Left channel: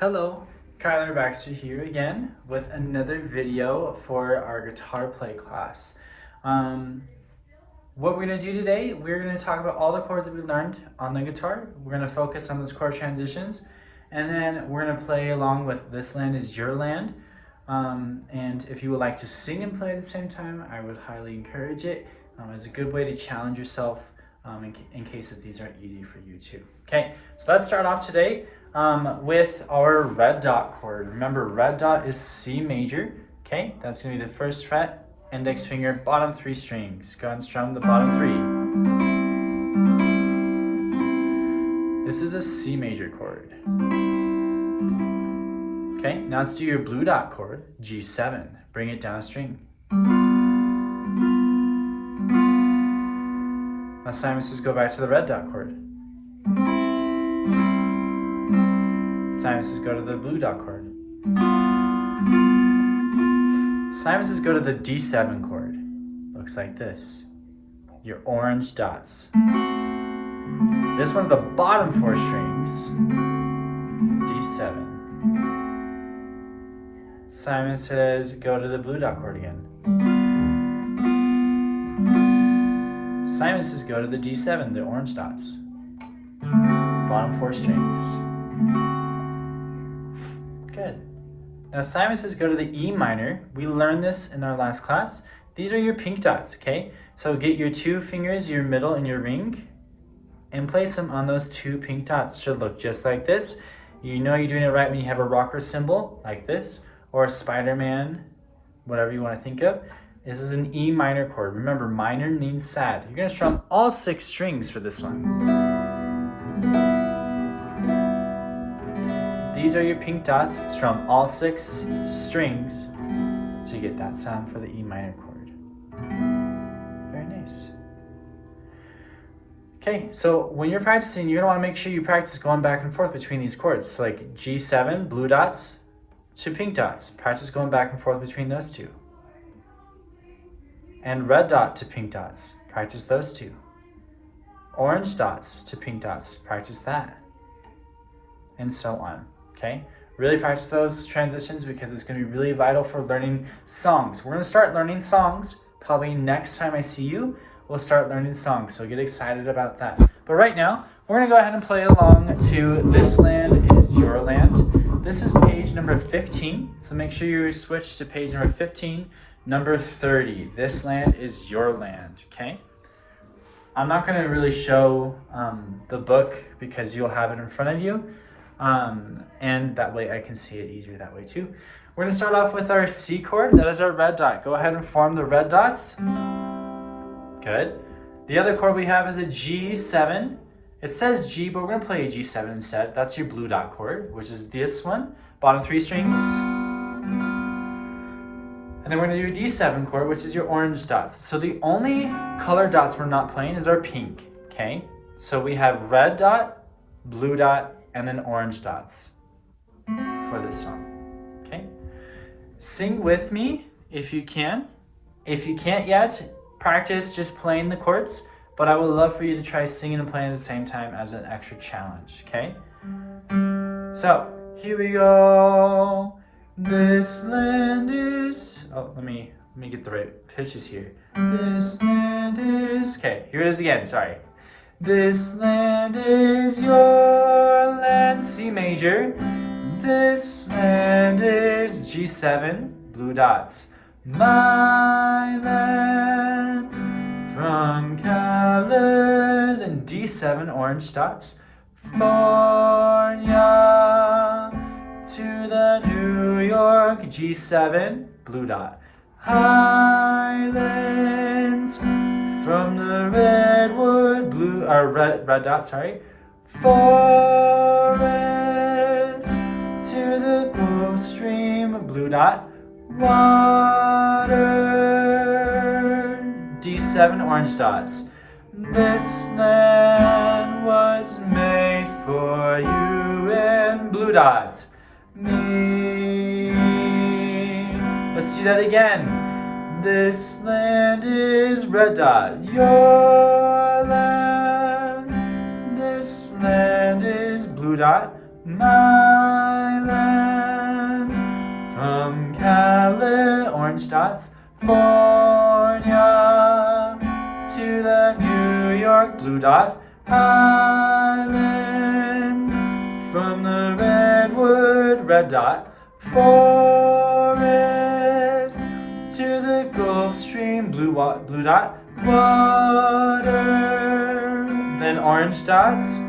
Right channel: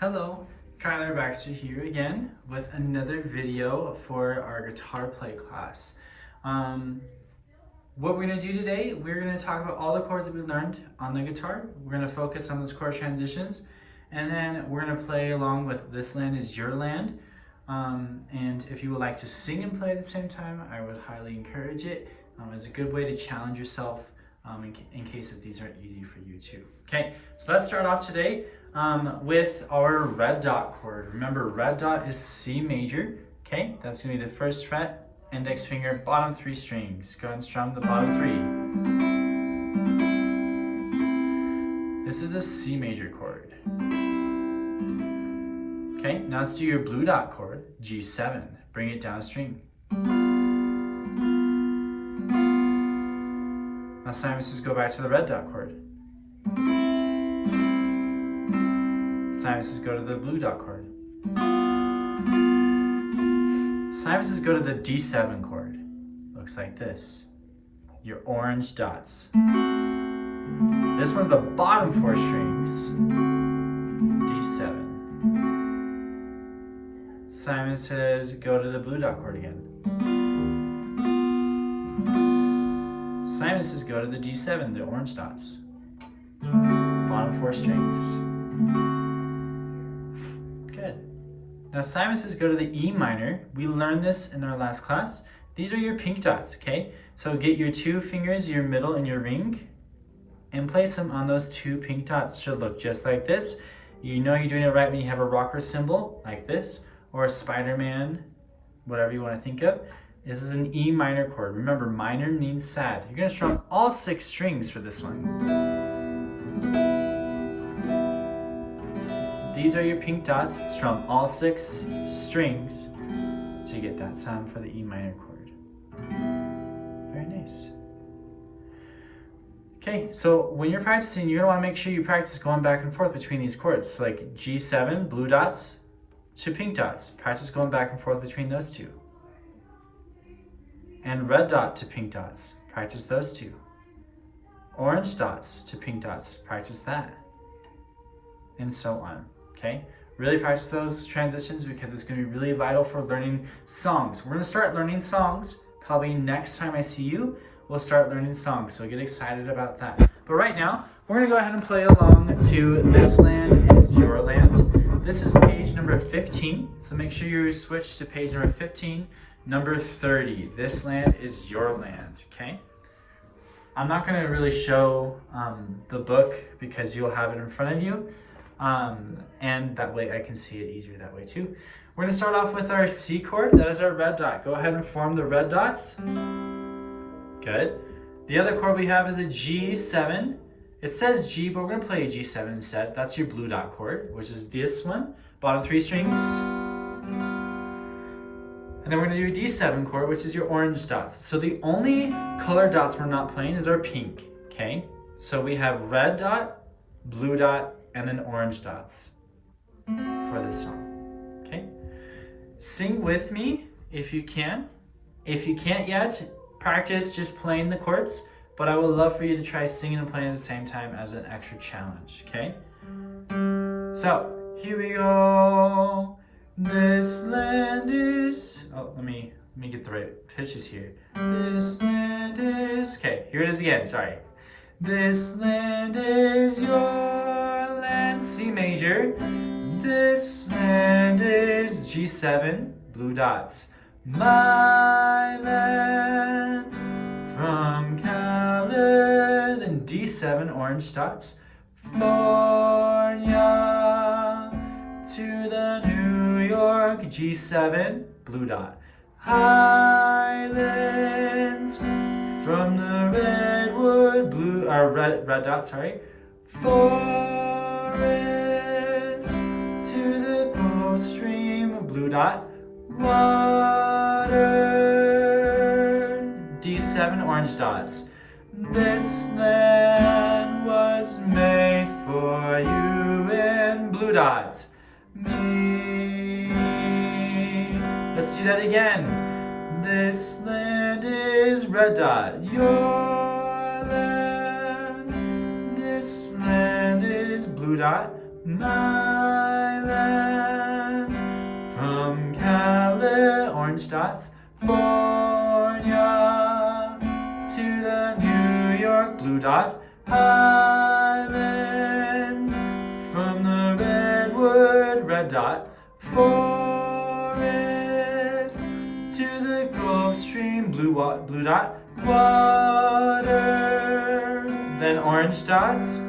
Hello, Kyler Baxter here again with another video for our guitar play class. What we're going to do today, we're going to talk about all the chords that we learned on the guitar. We're going to focus on those chord transitions, and then we're going to play along with This Land Is Your Land. And if you would like to sing and play at the same time, I would highly encourage it. It's a good way to challenge yourself in case if these aren't easy for you too. Okay, so let's start off today with our red dot chord. Remember, red dot is C major. Okay, that's gonna be the first fret, index finger, bottom 3 strings. Go ahead and strum the bottom 3. This is a C major chord. Okay, now let's do your blue dot chord, G7. Bring it down a string. Last time, let's just go back to the red dot chord. Sinuses go to the blue dot chord. Sinuses go to the D7 chord. Looks like this. Your orange dots. This one's the bottom 4 strings. D7. Sinuses go to the blue dot chord again. Sinuses go to the D7, the orange dots. Bottom 4 strings. Good. Now sinuses go to the E minor. We learned this in our last class. These are your pink dots, okay? So get your 2 fingers, your middle and your ring, and place them on those 2 pink dots. It should look just like this. You know you're doing it right when you have a rocker symbol, like this, or a Spider-Man, whatever you want to think of. This is an E minor chord. Remember, minor means sad. You're gonna strum all 6 strings for this one. These are your pink dots. Strum all 6 strings to get that sound for the E minor chord. Very nice. Okay, so when you're practicing, you're gonna wanna make sure you practice going back and forth between these chords. So like G7, blue dots to pink dots. Practice going back and forth between those 2. And red dot to pink dots. Practice those 2. Orange dots to pink dots. Practice that. And so on. Okay? Really practice those transitions because it's going to be really vital for learning songs. We're going to start learning songs probably next time I see you. We'll start learning songs, so get excited about that. But right now, we're going to go ahead and play along to This Land Is Your Land. This is page number 15, so make sure you switch to page number 15, number 30. This land is your land, okay? I'm not going to really show the book because you'll have it in front of you. And that way I can see it easier that way too. We're going to start off with our C chord. That is our red dot. Go ahead and form the red dots. Good. The other chord we have is a G7. It says G, but we're going to play a G7 instead. That's your blue dot chord, which is this one. Bottom 3 strings. And then we're going to do a D7 chord, which is your orange dots. So the only color dots we're not playing is our pink, okay? So we have red dot, blue dot, and then orange dots for this song, okay? Sing with me if you can. If you can't yet, practice just playing the chords, but I would love for you to try singing and playing at the same time as an extra challenge, okay? So, here we go. This land is, let me get the right pitches here. This land is, okay, here it is again, sorry. This land is your land, C major. This land is G7, blue dots. My land from California, then D7, orange dots. California to the New York, G7, blue dot. Highlands from the redwood, red dot, sorry. Forest to the Gulf Stream, blue dot. Water, D7, orange dots. This land was made for you in blue dots. Me. Let's do that again. This land is red dot. Your land. This land is blue dot. My Island. From orange dots, California to the New York blue dot islands. From the redwood red dot forest to the Gulf Stream blue dot water. Then orange dots.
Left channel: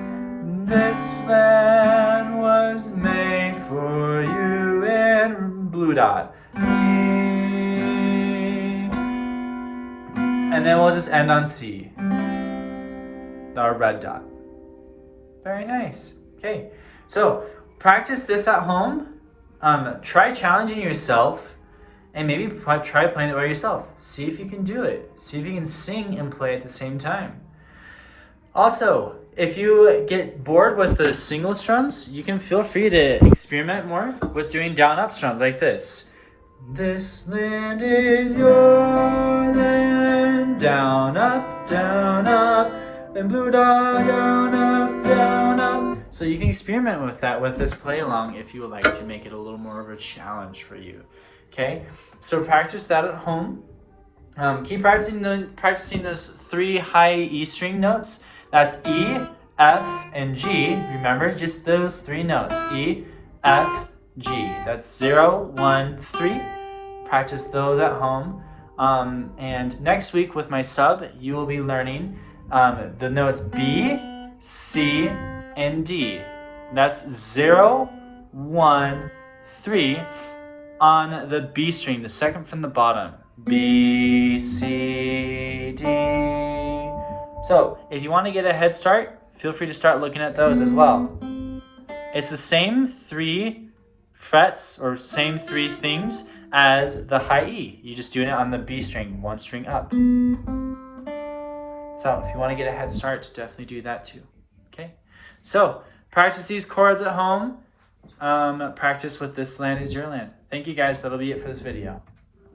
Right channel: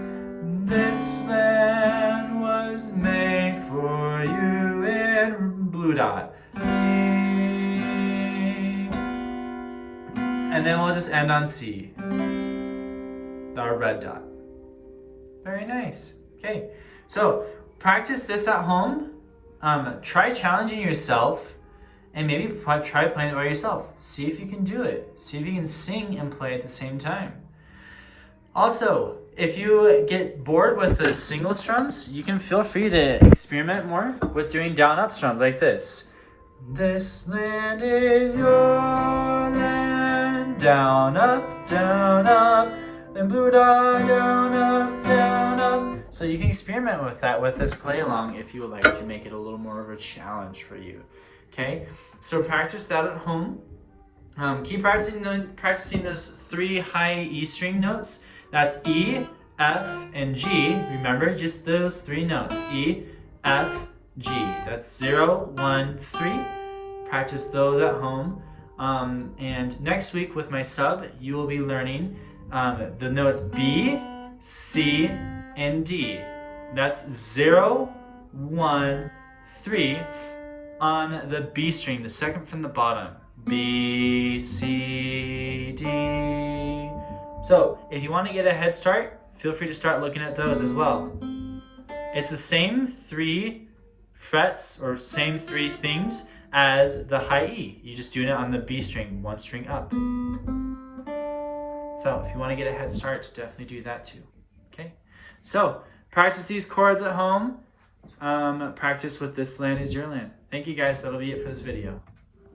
This land was made for you in blue dot. And then we'll just end on C, our red dot. Very nice. Okay, so practice this at home. Try challenging yourself and maybe try playing it by yourself. See if you can do it. See if you can sing and play at the same time. Also, if you get bored with the single strums, you can feel free to experiment more with doing down-up strums like this. This land is your land, down, up, and blue dot, down, up. So you can experiment with that with this play along if you would like to make it a little more of a challenge for you. Okay, so practice that at home. Keep practicing those 3 high E string notes. That's E, F, and G. Remember, just those 3 notes. E, F, G. That's 0, 1, 3. Practice those at home. And next week with my sub, you will be learning the notes B, C, and D. That's 0, 1, 3 on the B string, the second from the bottom. B, C, D. So if you want to get a head start, feel free to start looking at those as well. It's the same 3 frets or same 3 things as the high E. You're just doing it on the B string, 1 string up. So if you want to get a head start, definitely do that too. Okay, so practice these chords at home. Practice with This Land Is Your Land. Thank you guys. That'll be it for this video.